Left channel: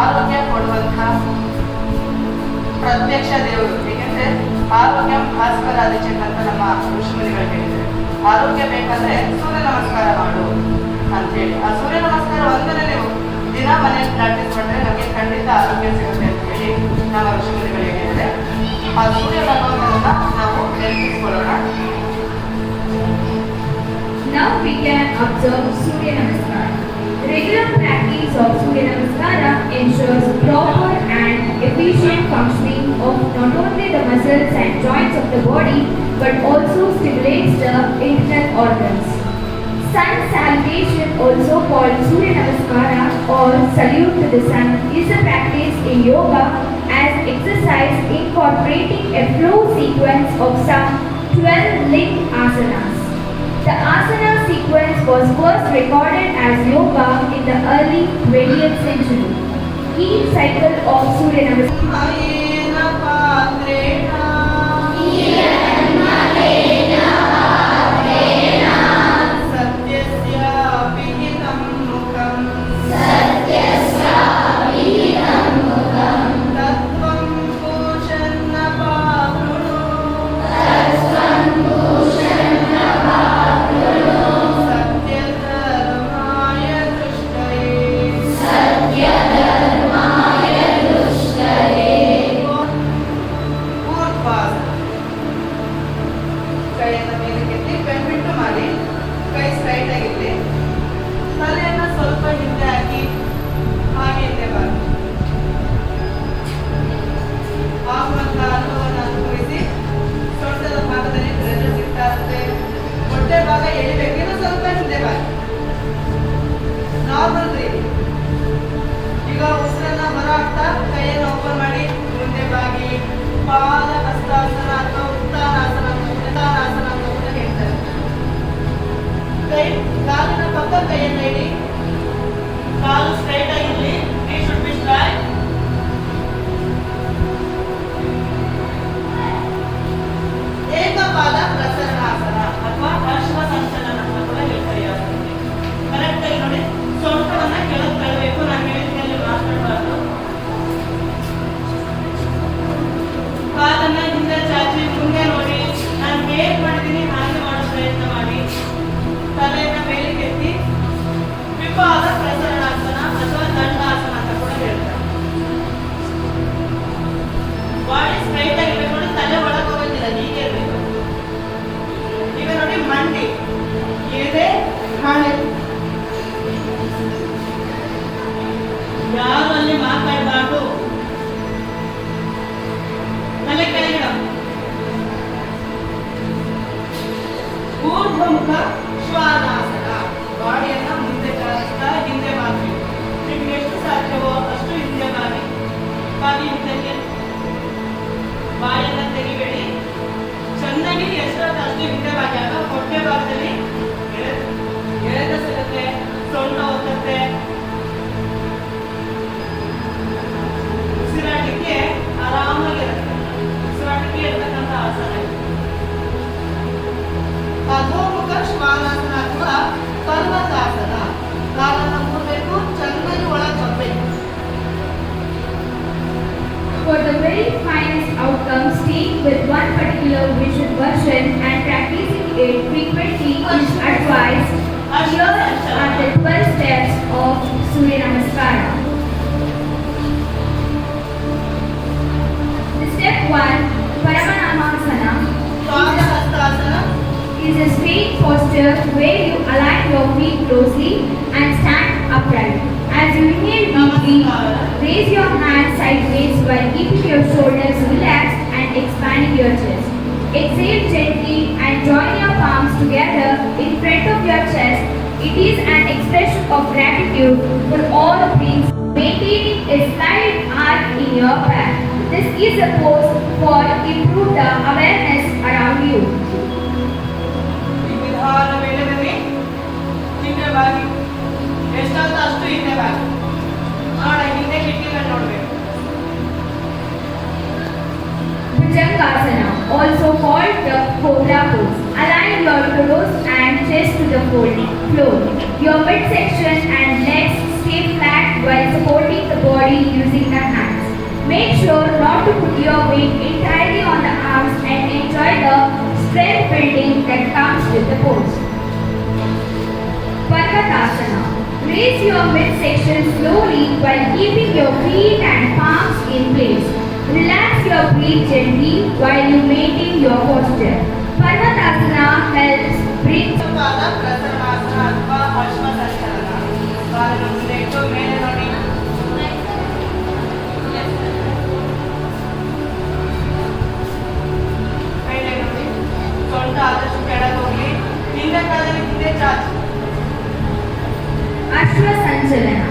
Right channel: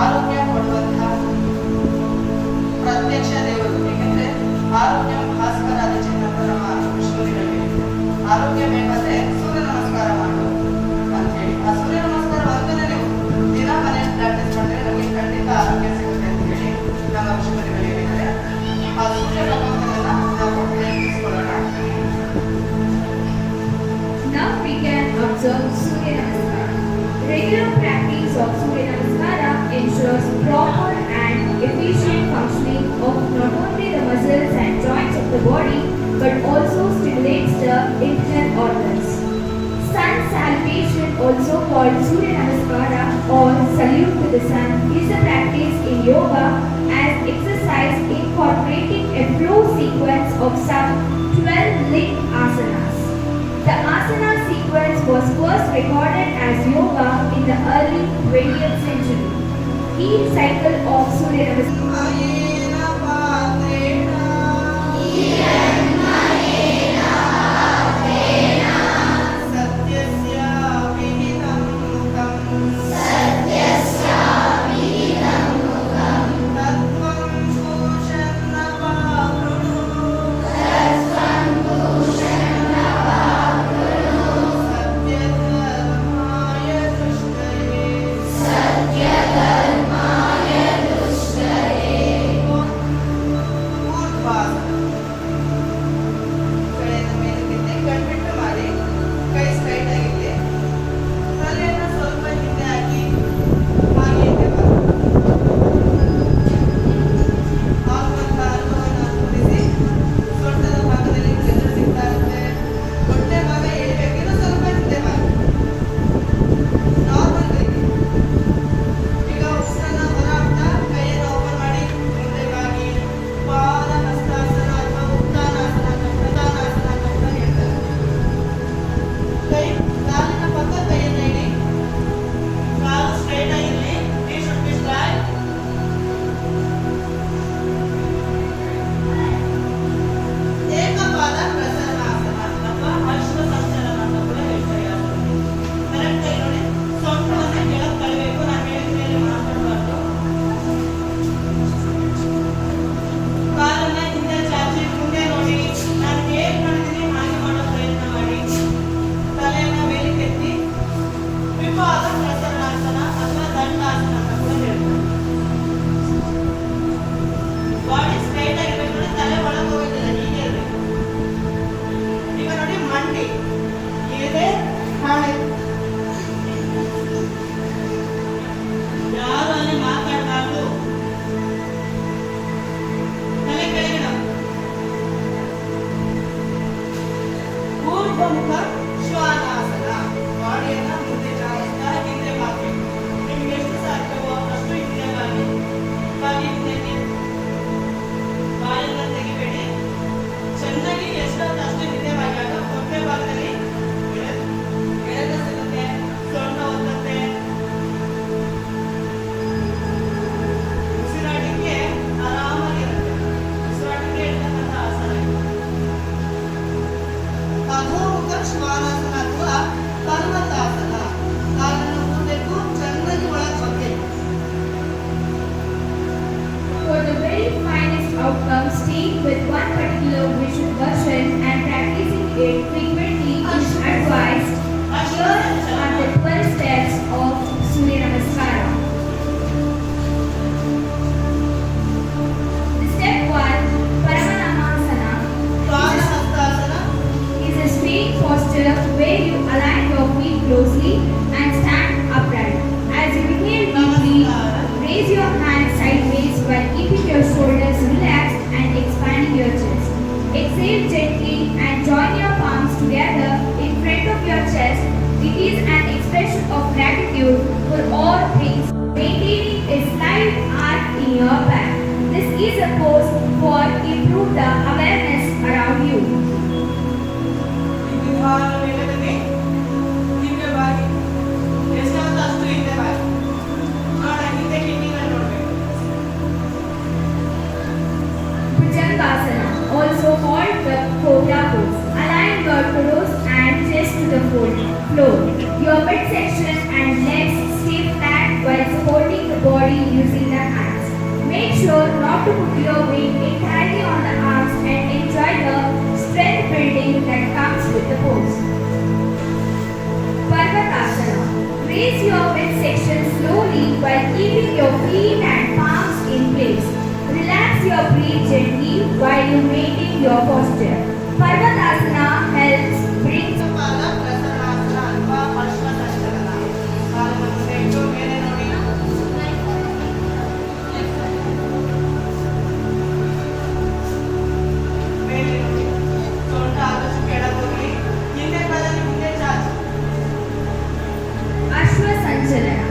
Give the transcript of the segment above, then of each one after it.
ಆರೋಗ್ಯ ಕೊಡುವಂತ ಪ್ರತ್ಯಕ್ಷ ದೇವರು. ಏಕೆಂದ್ರೆ ಆರೋಗ್ಯ ಭಾಸ್ಕರ ಆದಿಚೇತ ಅಂತ ನಮ್ಮ ಋಷಿಮುನಿಗಳು ಹೇಳಿದ್ದಾರೆ. ಆರೋಗ್ಯ ಬೇಕಂದ್ರೆ ಸೂರ್ಯ ನಮಸ್ಕಾರ ಮಾಡು ಅಂತ ಹೇಳಿ. ಆ ಸೂರ್ಯ ನಮಸ್ಕಾರ ಒಂದನೇ ನೀವು ದಿನ ಮನೆಯಲ್ಲಿ ಪ್ರಾಕ್ಟೀಸ್ ಮಾಡಿದ್ರೆ ನಮಗೆ ಖಂಡಿತ ಆರೋಗ್ಯ ಸಿಗುತ್ತೆ ಅಂತ ಹೇಳಿ ನಮ್ಮ ಋಷಿಮುನಿಗಳು ಹೇಳಿದ್ದಾರೆ. ಆ ಸೂರ್ಯ ಭಗವಂತನನ್ನ ನಾವು ನೆನಪಿಸಿಕೊಳ್ಳೋಣ. Now we can observe Surya Namaskara. Regular practice of Surya Namaskara ensures proper and efficient functioning of not only the muscles and joints of the body but also stimulates the internal organs. Sun salutation, also called Surya Namaskara or salute to the sun, is a practice in yoga as exercise incorporating a flow sequence of some 12 linked asanas. The asana sequence was first recorded as yoga in the early 20th century. Each cycle of Surya Namaskara ಕೈಯನ್ನು ಮೇಲಕ್ಕೆತ್ತಿ ಬೆನ್ಬಿಟ್ಟು ಮಾಡಿ, ಕೈ straight ಆಗಿರಲಿ. ತಲೆಯನ್ನು ಸ್ವಲ್ಪ ಹಿಂದೆ ಹಾಕಿ ಹಾಗೆ ಹಿಂದೆ ಬಾರಿ. ಆಗುವಂತ ಅನುಭವವನ್ನು ಅನುಭವಿಸಿ. ಸೊಂಟದ ಭಾಗದಲ್ಲಿ ಪ್ರೆಷರ್ ಸಿಗ್ತಾ ಇರುತ್ತೆ. ಹೊಟ್ಟೆ ಭಾಗ ಎಳಿಬೇಕಿರೋ ಸ್ವಲ್ಪ ಹಿಂದೆ ಬಾರಿ. Normal breathing. ಈಗ ಉಸಿರನ್ನ ಹೊರ ಹಾಕ್ತಾ ಕೈಯನ್ನು ಓಪನ್ ಮಾಡಿ ಮುಂದೆ ಬಾಗಿ ಪಾದ ಹಸ್ತಾಸನ ಅಥವಾ ಉತ್ತಾನಾಸನ ಅಂತ ಹೇಳ್ತಾರೆ. ಕೈ ಕಾಲಿನ ಪಕ್ಕ ಕೈಯನ್ನು ಇಡಿ. ಕಾಲು ಸ್ಟ್ರೈಟ್ ಆಗಿರಲಿ. It should be straight. ಏಕಪಾದ ಪ್ರಸರಣಾಸನ ಅಥವಾ ಅಶ್ವ ಸಂಚಲನ ಅಂತ ಕೂಡ ಹೇಳ್ತಾರೆ. ಕರೆಕ್ಟ್ ಆಗಿ ನೋಡಿ, ಸೊಂಟವನ್ನ ಕೆಳಗೆ ತಳ್ಳಬೇಕು. ನಾನು ಹೇಳಿದ್ಮೇಲೆ ಮಾತಾಡಬಾರ್ದು. ಕಾಲನ್ನ ಹಿಂದೆ ಚಾಚಿ ಮುಂದೆ ನೋಡಿ. ನಾನು ಹೇಗೆ ಮಾಡಿದ್ದೀನಿ ಹಾಗೆ ಮಾಡೋ ಪ್ರಯತ್ನ ಮಾಡಿ. ತಲೆಯನ್ನ ಮೇಲಕ್ಕೆತ್ತಿ ವಿಪಾದ ಪ್ರಸರಣಾಸನ ಅಥವಾ ದಂಡಾಸನ ಅಂತ ಕೂಡ ಹೇಳ್ತಾರೆ. ಬಾಡಿ ಸ್ಟ್ರೈಟ್ ಆಗಿರ್ಬೇಕು ನೋಡಿ, ತಲೆ ಒಳಗೆ ಹೋಗೋದಿಲ್ಲ, ಹೀಗೆ ಇರಬೇಕು. ಈಗ ನೋಡಿ, ಮಂಡಿ ಇದೆ, ಹಣೆ. ಯಾರು ಅಲ್ಲಿ ಮಾತಾಡಬಾರ್ದು. ತಲೆ ಕೆಳಗಿಡ. ಊರ್ಧ್ವಮುಖ ಶ್ವಾನಾಸನ. ಬಾಡಿಯನ್ನ ಮುಂದೆ ಚಾಚುತ್ತಾ ಹಿಂದೆ ಬಾಗಬೇಕು. ನಿಮ್ಗೆ ಎಷ್ಟು ಸಾಧ್ಯವೋ ಅಷ್ಟು ಹಿಂದೆ ಬಾಗಿ. ಬಾಗಿ ಹಿಂದಕ್ಕೆ ಬಾಯನ್ನ ತೆಗಿಬೇಡಿ. ಚೆನ್ನಾಗಿ ಎಷ್ಟಾದ ಅಷ್ಟು ಹಿಂದೆ ಬಾಗಿಯಾಗ ಹೊಟ್ಟೆ ಭಾಗದಲ್ಲಿ ಎಳೆದ ಸಿಗುತ್ತೆ, ಸೊಂಟ ಒತ್ತುತ್ತೆ. ಉಸಿರಾಟಕ್ಕೆ ಆರಾಮಾಗಿರುತ್ತೆ. ಉಸಿರಾಟಕ್ಕೆ ಇರ್ತಕ್ಕಂಥ ಆಸನ ಇದು. ಅಧೋಮುಖ ಶ್ವಾನಾಸನ ಅಥವಾ ಪರ್ವತಾಸನ. ಕಾಲನ್ನು ಕೂಡಬೇಕು, ಚೆನ್ನಾಗಿ ಒಳಗೆ ಬರಬೇಕು. For the very finest outcomes, staying with one particular visual version and practicing it frequently is advised. Here are the 12 steps of Surya Namaskara. The step 1, Paramanamasana, is a straight posture where you align your feet closely and stand upright. As you inhale deeply, raise your hands sideways while keeping your shoulders relaxed and expanding your chest. Exhale gently and join your palms together in front of your chest. It is an expression of gratitude for all things, maintaining a slight arch in your back. This is a pose for improve the awareness around you. ನಿಧಾನ ವೇಳೆಯಲ್ಲಿ ಹಿಂದೆ ಬಾಗಿ. ಎಷ್ಟಾದ್ರೂ ಅಷ್ಟು ಹಿಂದೆ ಬಾಗಿ. ನೋಡ, ಹಿಂದೆ ಕಿಟ್ಟಿನ ನೋಡ್ಬೇಕು. Bhujangasana, also called the cobra pose. Align your toes and chest to the floor. Your midsection and legs stay flat while supporting the body using the hands. Make sure not to put your weight entirely on the arms and enjoy the strength building that comes with the pose. Parvatasana. Raise your midsection slowly while keeping your feet and palms in place. Relax your breath gently while you maintain your posture. Parvatasana helps bring ಪಾದ ಪ್ರಸನ್ನಾಸನ ಅಥವಾ ಅಶ್ವ ಸಂಚಲನ. ಕಾಲನ್ನು ಮುಂದೆ ಇಟ್ಟು ಮೇಲೆ ನೋಡಿ. ಮೇಲೆ ನೋಡಿ. ಸೊಂಟ ಆದಷ್ಟು ಕೆಳಗೆ ಹೋಗ್ಲಿ. ಹಿಂದೆ ಕಾಲಲ್ಲಿ ಹಿಂದೆ ಚಾಚಿ. Ashwa Sanchalana.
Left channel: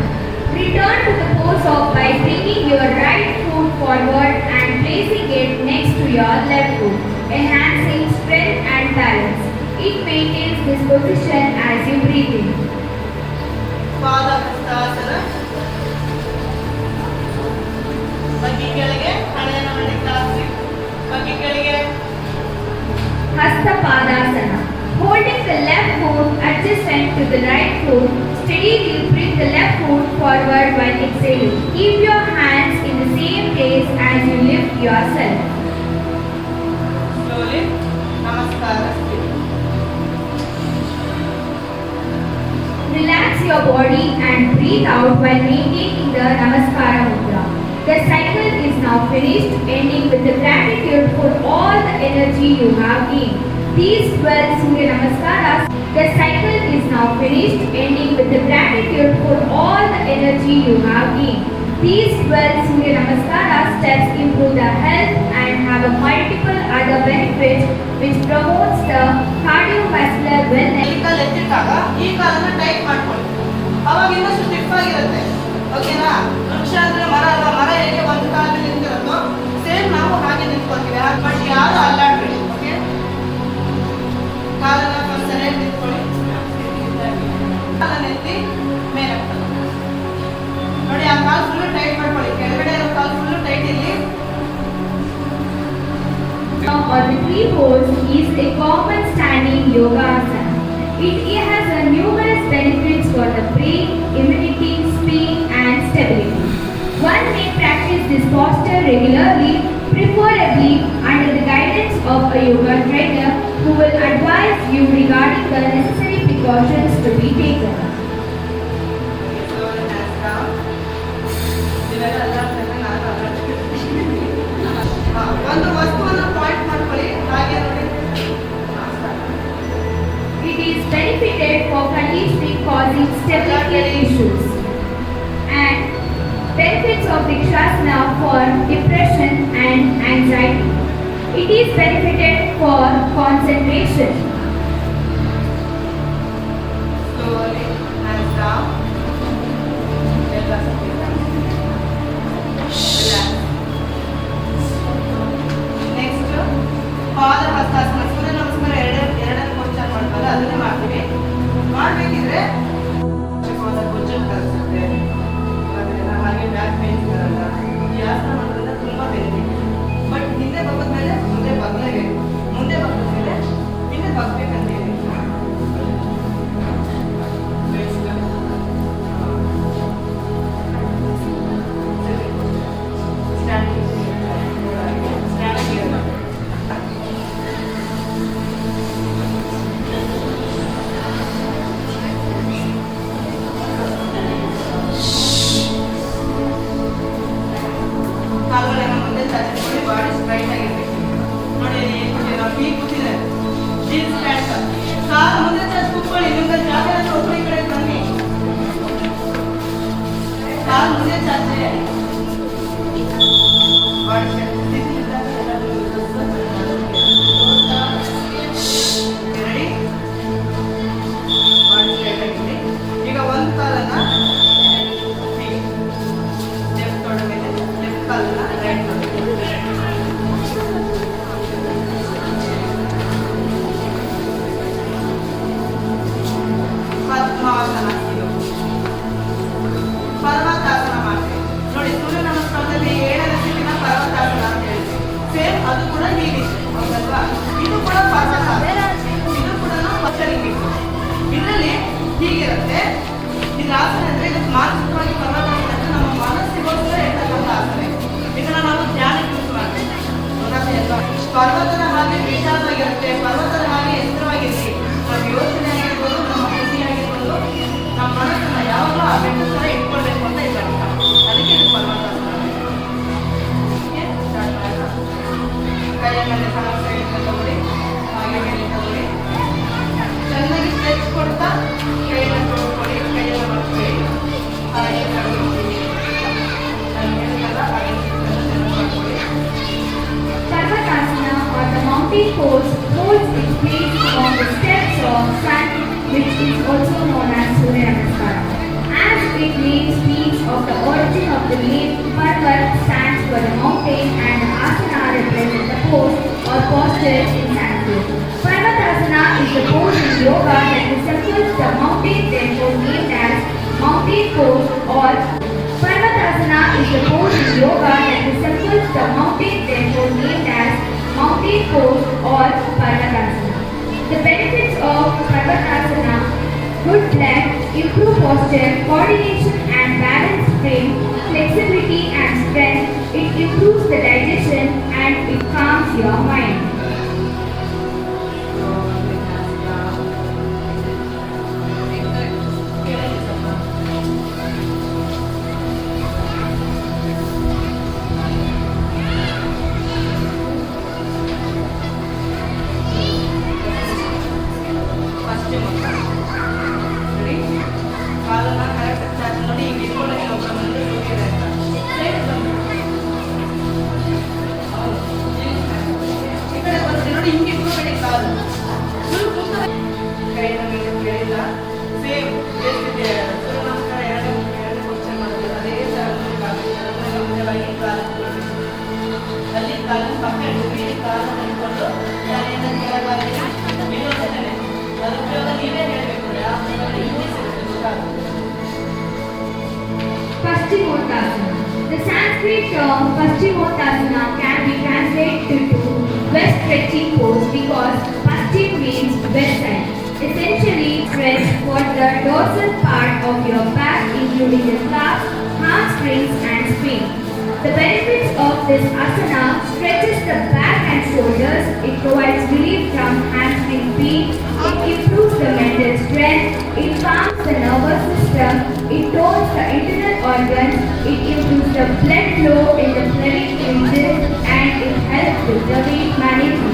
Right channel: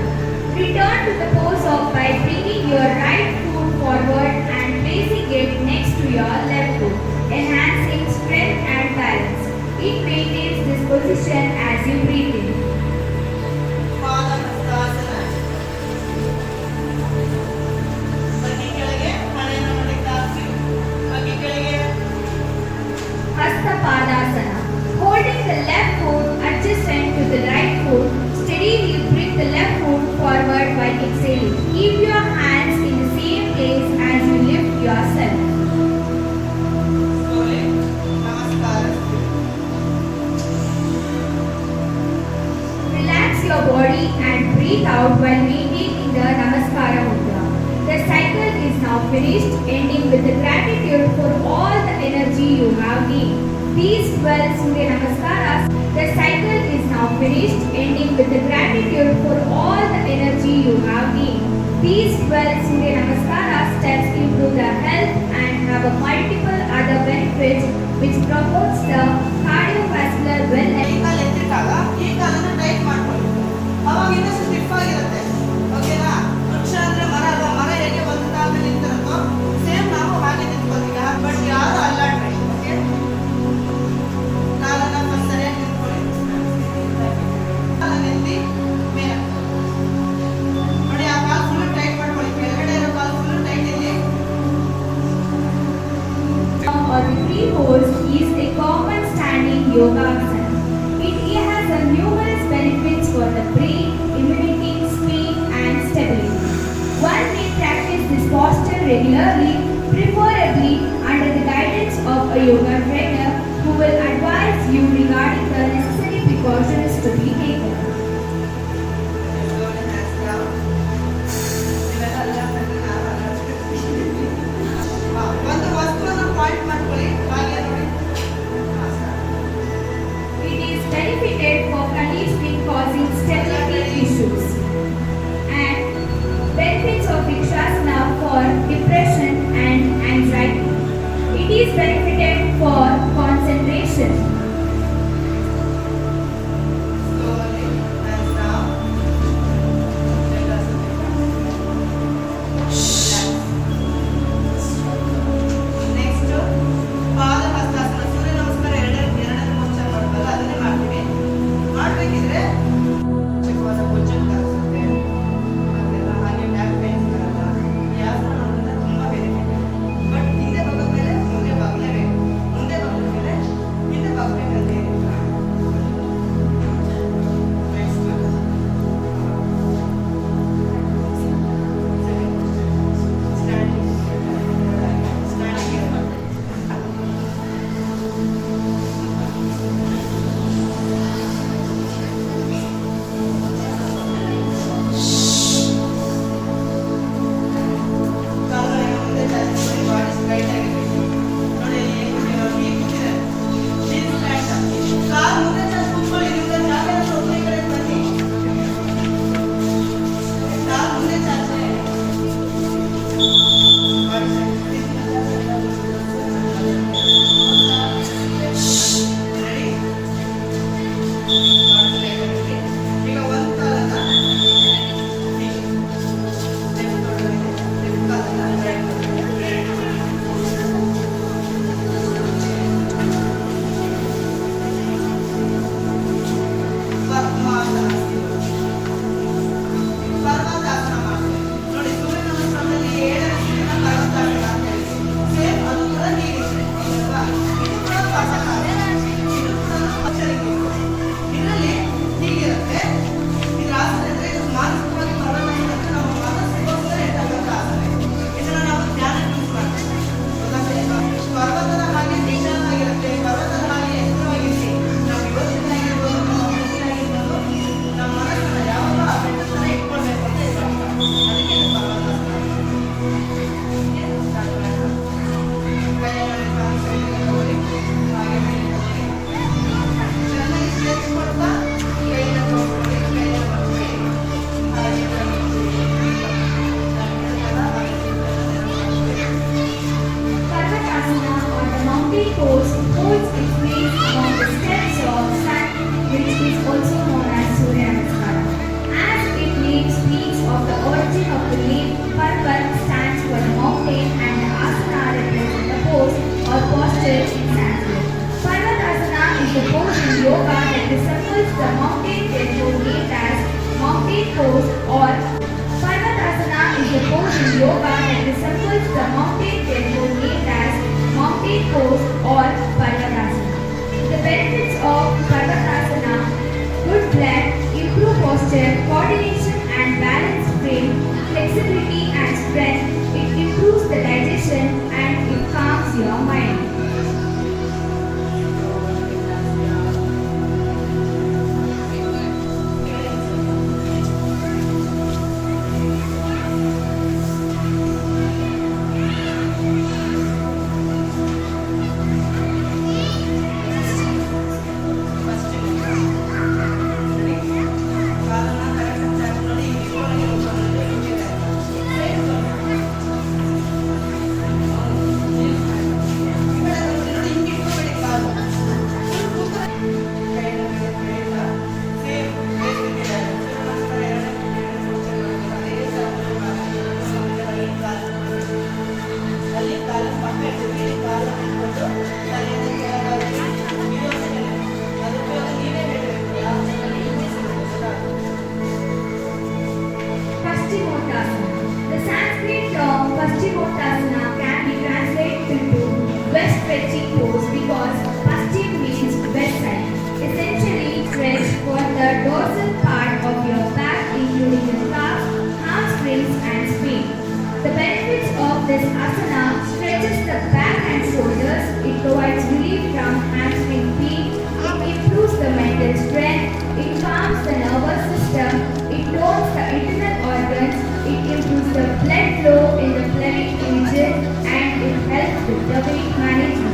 Return to the pose of by bringing your right foot forward and placing it next to your left foot, enhancing strength and balance. It maintains this position as you breathe in. ಪಾದ ಹಸ್ತಾಸನ. ಬಗ್ಗಿ ಕೆಳಗೆ ಹಣೆಯನ್ನು ಮಂಡಿಗೆ ತಾಗಿಸಿ. ಬಗ್ಗಿ ಕೆಳಗೆ. Hasta Padasana. Holding the left foot adjacent to the right foot, steadily bring the left foot forward while exhaling. Keep your hands in the same place as you lift yourself. Slowly. ನಮಸ್ಕಾರ. Relax your body and breathe out while maintaining the Namaskara Mudra. The cycle is now finished, ending with the gratitude for all the energy you have gained. These 12 Surya Namaskaras. The cycle is now finished, ending with the gratitude for all the energy you have gained. These 12 Surya Namaskara steps improve the health and have a multiple other benefits which promotes the cardiovascular wellness. ಈ ಕಾಲು ಎತ್ತಿಟ್ಟಾಗ ಈ ಕಾಲನ್ನ tight ಮಾಡ್ಕೊಳ್ಳಿ. ಅವಾಗ ಇನ್ನಷ್ಟು stiff ಆಗಿರುತ್ತೆ. ಓಕೆನಾ? ವೃಕ್ಷ ಅಂದ್ರೆ ಮರ ಅಲ್ವಾ? ಮರ ಹೇಗೆ ಒಂದು ಕಾಲ ಮೇಲೆ ನಿಂತಿರುತ್ತೋ ಸೇಮ್ ನಾವು ಹಾಗೆ ನಿಂತ್ಕೊಳ್ತೀವಿ. ಬಟ್ ಯಾರು ಅಲ್ಲಾಡ್ಬೇಡಿ. ಓಕೆ? ಕಾಲನ್ನ ಫಸ್ಟ್ ಸರಿಯಾಗಿ ನಿಂತ್ಕೊಳ್ಳಿ. ಕಾಲನ್ನ ಎತ್ತಿ ಮೇಲೆ ನೋಡಿ. ಆ ಕಾಲು ಫುಲ್ ಟೈಟ್ ಮಾಡ್ಕೊಳ್ಳಿ. ಕೆಳಗಡೆ ಇರೋ ಕಾಲು ಫುಲ್ ಟೈಟ್ ಇರಲಿ. Or the three pose is a common standing yoga asana. It has a numerous benefits for the brain, immunity, speed and stability. One may practice this posture regularly, preferably under the guidance of a yoga trainer who will advise you regarding the necessary precautions to be taken. ಒಂದು ವಸ್ತುವನ್ನ point ಮಾಡ್ಕೊಳ್ಳಿ. ಹಾಗೆ ನೋಡಿ. It is benefited for conditioning causing stability issues and benefits of Vrikshasana for depression and anxiety. It is benefited for concentration. Slowly, hands down. Relax. Next, ಪಾದ ಹಸ್ತಾಸನ. ಸೂರ್ಯ ನಮಸ್ಕಾರ ಎರಡನೇ posture ಮಾಡ್ತಾರೆ. ಅದನ್ನೇ ಮಾಡ್ತೀವಿ. ಮಾಡ್ಬೇಕಿದ್ರೆ ಚಿಕ್ಕವಾದ ಭುಜಕ್ಕೆ ಕಲಿಸುತ್ತೆ. ಅದೆಲ್ಲ ಹಾಗೆ ಬ್ಯಾಕ್ ಪೇನ್ ಬರಲ್ಲ. ಈ ಆಸನ ಮಾಡೋದ್ರಿಂದ ತುಂಬಾ ಬೆನಿಫಿಟ್ ಇದೆ. ಬಟ್ ಹಿಂದೆ ಬಗ್ಗದ ಮೇಲೆ ಮುಂದೆ ಬಗ್ಲೇಬೇಕು. ಮುಂದೆ ಬಗ್ಗದ ಮೇಲೆ ಹಿಂದೆ ಬಗ್ಬೇಕಂತೀವಿ. ಕಾಲುಗಳನ್ನ ಮುಂದೆ ಚಾಚಿಸಿ ಬಾಡಿ ಸ್ಟ್ರೈಟ್ ಆಗಿರ್ಬೇಕು. ನೋಡಿ ಹೇಗೆ ಕೂತಿದೆ. Jeans pant. ಕಾಲು ಮುಂದೆ ಚಾಚಿ ಕೂತ್ಕೊಳ್ಳಿ. ನಿಮ್ಗೆ ಜಾಗ ಸ್ವಲ್ಪ ಈ ಕಡೆ ಬನ್ನಿ. ಕಾಲು ಮುಂದೆ ಚಾಚಿ ಬಾಡಿ ರೆಡಿ. ಬಾಡಿ ಸ್ಟ್ರೈಟ್ ಆಗಿರ್ಲಿ. ಈಗ ಒಂದು ಕಾಲನ್ನ ಲೆಫ್ಟ್ ತೊಡೆ ಮೇಲೆ, ಲೆಫ್ಟ್ ಕಾಲನ್ನ ರೈಟ್ ತೊಡೆ ಮೇಲೆ. pose holds its place among the steps of sun, which is also known as Surya Namaskara. As it name speaks of the origin of the name, Parvat stands for the mountain and the asana represents the pose or posture in Sanskrit. Parvatasana is the pose in yoga that resembles the mountain temple named as mountain pose or Parvatasana is the pose in yoga that resembles the mountain temple named as mountain pose or Parvatasana. The benefits of Parvatasana: good blood, improved posture, coordination and balance frame, flexibility and strength. It improves the digestion and it calms your mind. ಕಾಲನ್ನ correct charge ಮಾಡಿ ಈ ಬಿಟ್ಕೊಳ್ಳಿ ಒಬ್ಬ ಮುಂದೆ ಕೂತಿದ್ದಾರೆ ಈ ಕಡೆ ಬರ್ತೀವಿ ನೋಡಿ, ಹಿಂಗೆ ಇಟ್ಕೊಬೇಡಿ ಕಾಲು ಫುಲ್ ಕೂತ್ಕೊಳ್ಳಿ. ಕೈನ ಮೇಲೆ ಕೆಳಗಿಲ್ಲ ಸೇಮ್ ಏನಿದೆ ಸೂರ್ಯ ನಮಸ್ಕಾರ ಎರಡನೇ ಪೋಸ್ಚರ್ ಮಾಡೋದು ಅದೇ ಥರ ಅಲ್ಲಿ ಕಾಲನ್ನು ಪಕ್ಕ ಇಡ್ತೀವಿ, ಕಾಲನ್ನು ಇಟ್ಕೊಂಡು ತಲೆಯನ್ನು ಕೆಳಗಾಗಿ ಬೀಳೋದೇ ಅದು ಉಪಯೋಗ ನೀವೇ ಹೇಳಬೇಕು ಯಾವ ಹಿಂಗೆ ಸಿಗುತ್ತೆ ಗೊತ್ತಾಗುತ್ತೆ. Paschimottanasana. The Sanskrit term Paschimottanasana can be translated to west stretching pose because Paschim means west side. Essentially, stretch for the dorsal part of your back, including the calves, hamstrings, and spine. The benefits of this asana: stretches the back and shoulders, it provides relief from hamstring pain, it improves the mental strength, it calms the nervous system, it tones the internal organs, it improves the blood flow in the pelvic region, and it helps with the weight management.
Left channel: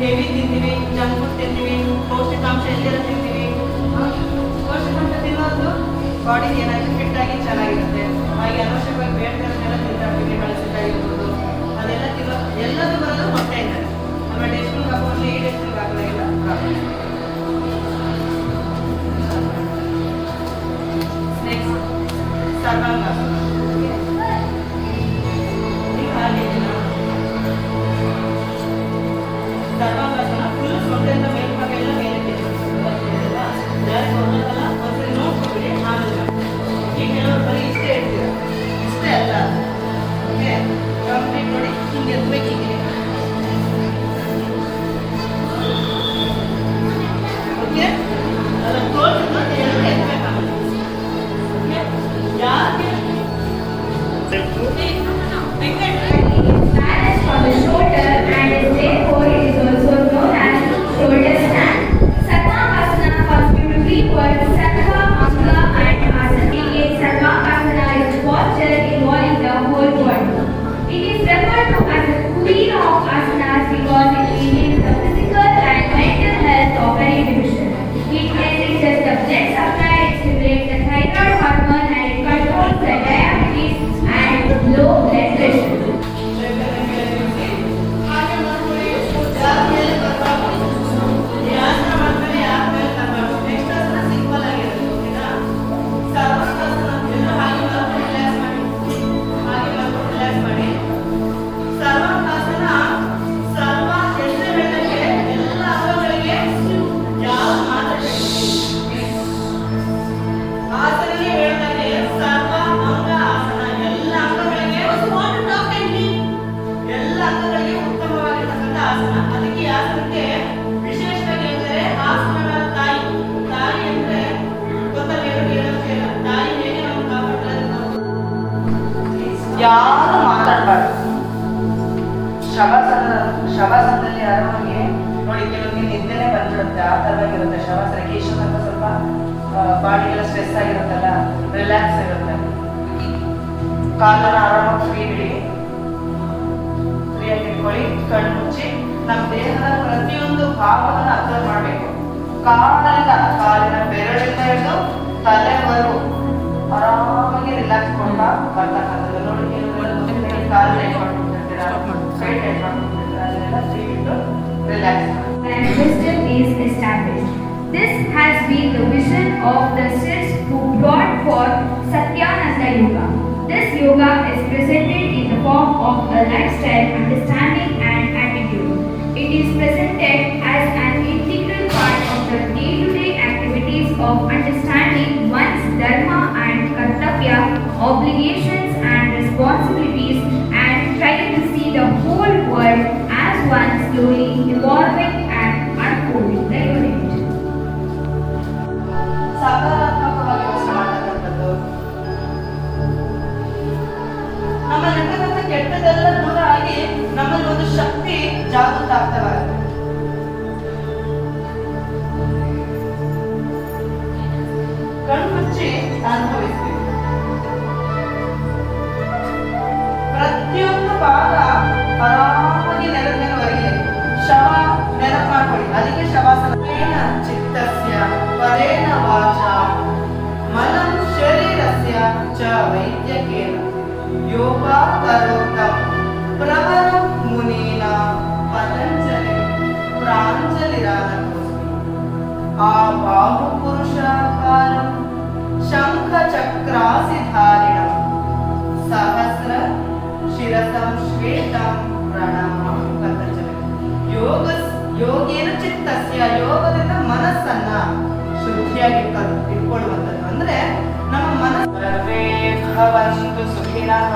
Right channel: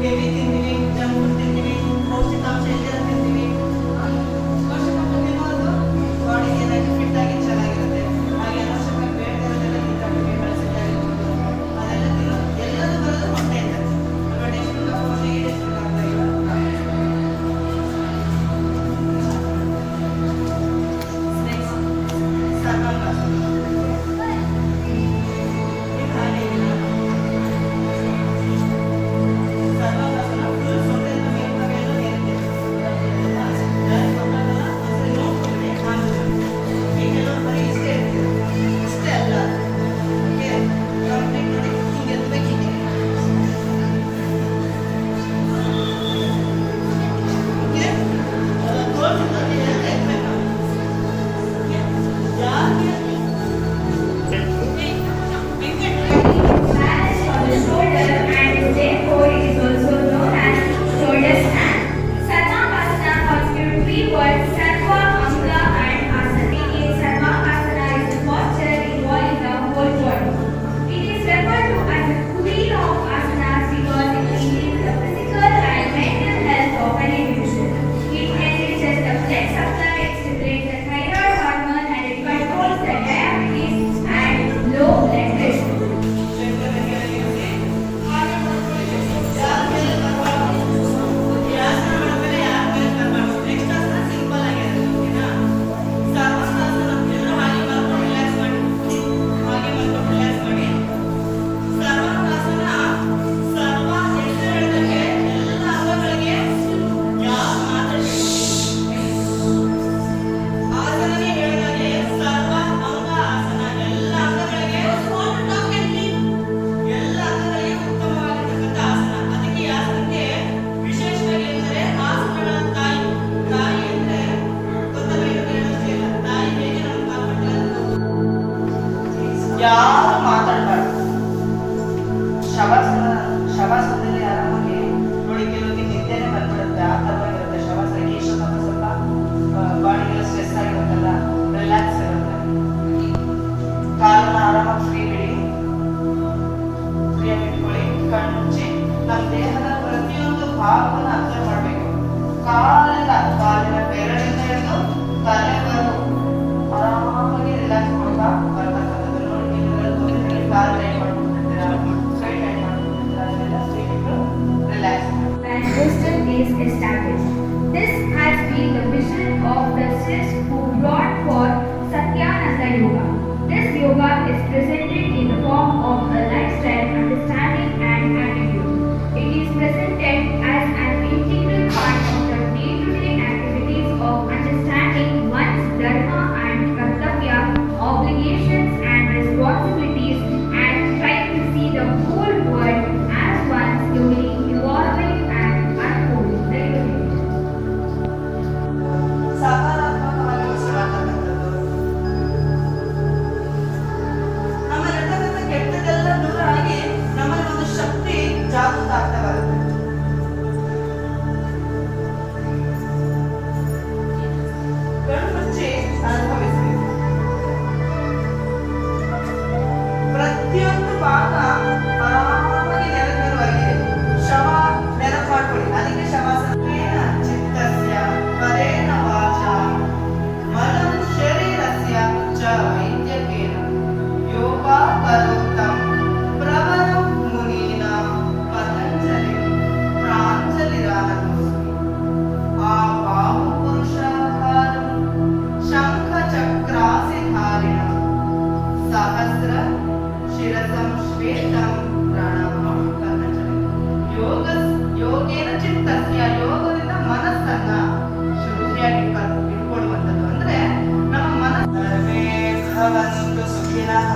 Heavy ತಿಂತೀವಿ, junk food ತಿಂತೀವಿ, ಪೌಷ್ಟಿಕಾಂಶ ಎಲ್ಲಿರೋ ತಿಂತೀವಿ. ಪೌಷ್ಟಿಕಾಂಶ ತಿನ್ನೋದು ಬಾಡಿಗೆ ಏನಾಗಿ fit ಆಗಿ ಚೆನ್ನಾಗಿರುತ್ತೆ. ಹಾಗೆ ಅನವಶ್ಯಕವಾಗಿ ಬೇಡದೆಲ್ಲ ತಿಂತಾಬಿಟ್ಟಿಗೆ ಬಳಸಿದ್ದಾಗಿರ್ಬೋದು, ಅದೆಲ್ಲ ತಿನ್ನೋ ಎಲ್ಲದೂ ಬರೋದು ಹೊಟ್ಟೆಯಿಂದ. ನಮ್ಮ ಟೆಸ್ಟಿಂಗ್ ಹಾಕೊಂಡು ಈ ಟೆಸ್ಟಿಂಗ್ ಆಗಲೇ ಇಲ್ಲ. ನೆಕ್ಸ್ಟ್ ಸರ್ವಾಂಗಾಸನ. ನೀವು ಹಾಗೆ ಸರ್ವಾಂಗಾಸನ ಫುಲ್ ಸೊಂಟೆಯಿಂದ ಮೇಲ್ಭಾಗ ಎಲ್ಲ ಮೇಲಕ್ಕೆ ಡೈರೆಕ್ಟ್ ಹೋಗೋದಲ್ಲ, ಒಂದ್ಸರಿ ನೋಡ್ಕೊಬಿಡಿ ಆಮೇಲೆ. ಈಗ ಕೆಲವರು ಬರೀ ಇಷ್ಟೇ ಇರ್ತೀರ, ಇಷ್ಟೇ ಅಲ್ಲ. ಓಕೆ, ಕಂಪ್ಲೀಟ್ ನೋಡಿ, ಹಿಂಗೆ ಎದ್ಬೇಕು, ಹೀಗೆ ಓಕೆ. ತೋರಿಸಿದ್ದು ಎಲ್ಲ ಎದ್ಬೇಕಾಗುತ್ತೆ. ಓಕೆ, ಯಾಕೆ ಯಾರು ಮಾತಾಡಬಾರ್ದು. ಶವಾಸನದಲ್ಲಿ ಆರಾಮಾಗಿ ನೋಡಿ, ಕೆಲವರಿಗೆ ನಿದ್ದೆನೆ ಬಂದ್ಬಿಡುತ್ತೆ, ಆ ಥರವಾಗಿರುತ್ತೆ ಶವಾಸನಕ್ಕೆ. ಇಷ್ಟೊಂದು ಸ್ವಲ್ಪ ಬಾಡಿಗೆಲ್ಲ ಸ್ಟ್ರೆಸ್ ಆಗಿರುತ್ತಲ್ಲ, ರಿಲ್ಯಾಕ್ಸ್ ಇರುತ್ತೆ. ಕಾಲನ್ನ ಆರಾಮಾಗಿ ಫ್ರೀ ಬಿಡಿ, ಫ್ರೀಯಾಗಿ ಇಟ್ಕೊಳ್ಳಿ. ಕಣ್ಣು ಮುಚ್ಚಿ ನಮ್ಮ ದೇಹದ ಪ್ರತಿಯೊಂದು ಭಾಗವನ್ನು ಅಬ್ಸರ್ವ್ ಮಾಡಬೇಕು. ಕಾಲಿನ ಬೆರಳಿಂದ ಹಿಡಿದು ತಲೆವರು ಆರಾಮಾಗಿ ರಿಲ್ಯಾಕ್ಸ್ ಮಾಡ್ತಾ ಬರ್ತಕ್ಕಂಥದ್ದು. ನೋಡಿ, ಕೆಲವೆಲ್ಲ ಗೊತ್ತಿಲ್ಲ, ಕಾಲು ಟೈಟ್ ಮಾಡ್ಕೊಂಡಿರ್ತೀರಾ, ಕೈ ಟೈಟ್ ಮಾಡ್ಕೊಂಡಿರ್ತೀರಾ, ಅದನ್ನೆಲ್ಲ ಫ್ರೀ ಬಿಟ್ಟು ರಿಲ್ಯಾಕ್ಸ್ ಮಾಡಿ. When wisdom is established. This has been the vision of the Siddhs who brought forth Satyananda Yoga. This yoga is presented in the form of a lifestyle, understanding and attitude. It is presented as an integral part of the day-to-day activities of understanding one's dharma and kartavya, obligations and responsibilities, and trying to see the whole world as one slowly evolving and unfolding the unit. ಸಕಾರಾತ್ಮಕವಾಗಿ ಯೋಚನೆ ಮಾಡತಕ್ಕಂಥದ್ದು, ನಮ್ಮಲ್ಲಿರ್ತಕ್ಕಂಥ ಕೆಟ್ಟದೆಲ್ಲ ದೂರ ಆಗಿ ನಮ್ಮಲ್ಲಿ ಒಂದು ಶಕ್ತಿ ಜಾಗೃತ ಆಗ್ತಾ ಬರುತ್ತೆ. ಕಣ್ಣು ಮುಚ್ಚಿ ಅನುಭವಿಸಿ. ಪ್ರತಿಯೊಂದು ಭಾಗ ಆರಾಮಾಗಿ ನೆಲದವರೆಗೆ ಶವ ನೆನಪು ಮಾಡ್ಕೊಳ್ಳಿ. ಅದಕ್ಕೆ ಶವಾಸನ. ಚಿತ್ತಸ್ಯ ಪರೇಣ ವಾಚ ಮನಂ ಶರೀರಸ್ಯ ಚ ವೈದ್ಯಕೇನ ಯೋಗಾ ಕರೋತ್ತಂ ಪ್ರವರ ಮುನೀನ ಪತಂಜಲಿ ಪ್ರಾಂಜಲಿರಾನತೋಸ್ಮಿ. ಆ ಬಾಹು ಪುರುಷಾಕಾರಂ ಶಂಖ ಚಕ್ರಾಸಿಧಾರಿಣಂ ಸಹಸ್ರ ಶಿರಸಂ ಶ್ವೇತಂ ಪ್ರಣಾಮಂ ಪತಂಜಲಿ. ಯೋಗೇನ ಚಿತ್ತಸ್ಯ, ಯೋಗದಿಂದ ಮನಸ್ಸನ್ನ ಶುದ್ಧಿಯಾಗಿ ಇಟ್ಕೊಳ್ಳುವಂಥದ್ದು. ಅಂದ್ರೆ ನಮ್ಮ ಮನಸ್ಸು ಭವಂತು ಸುಖಿನಃ.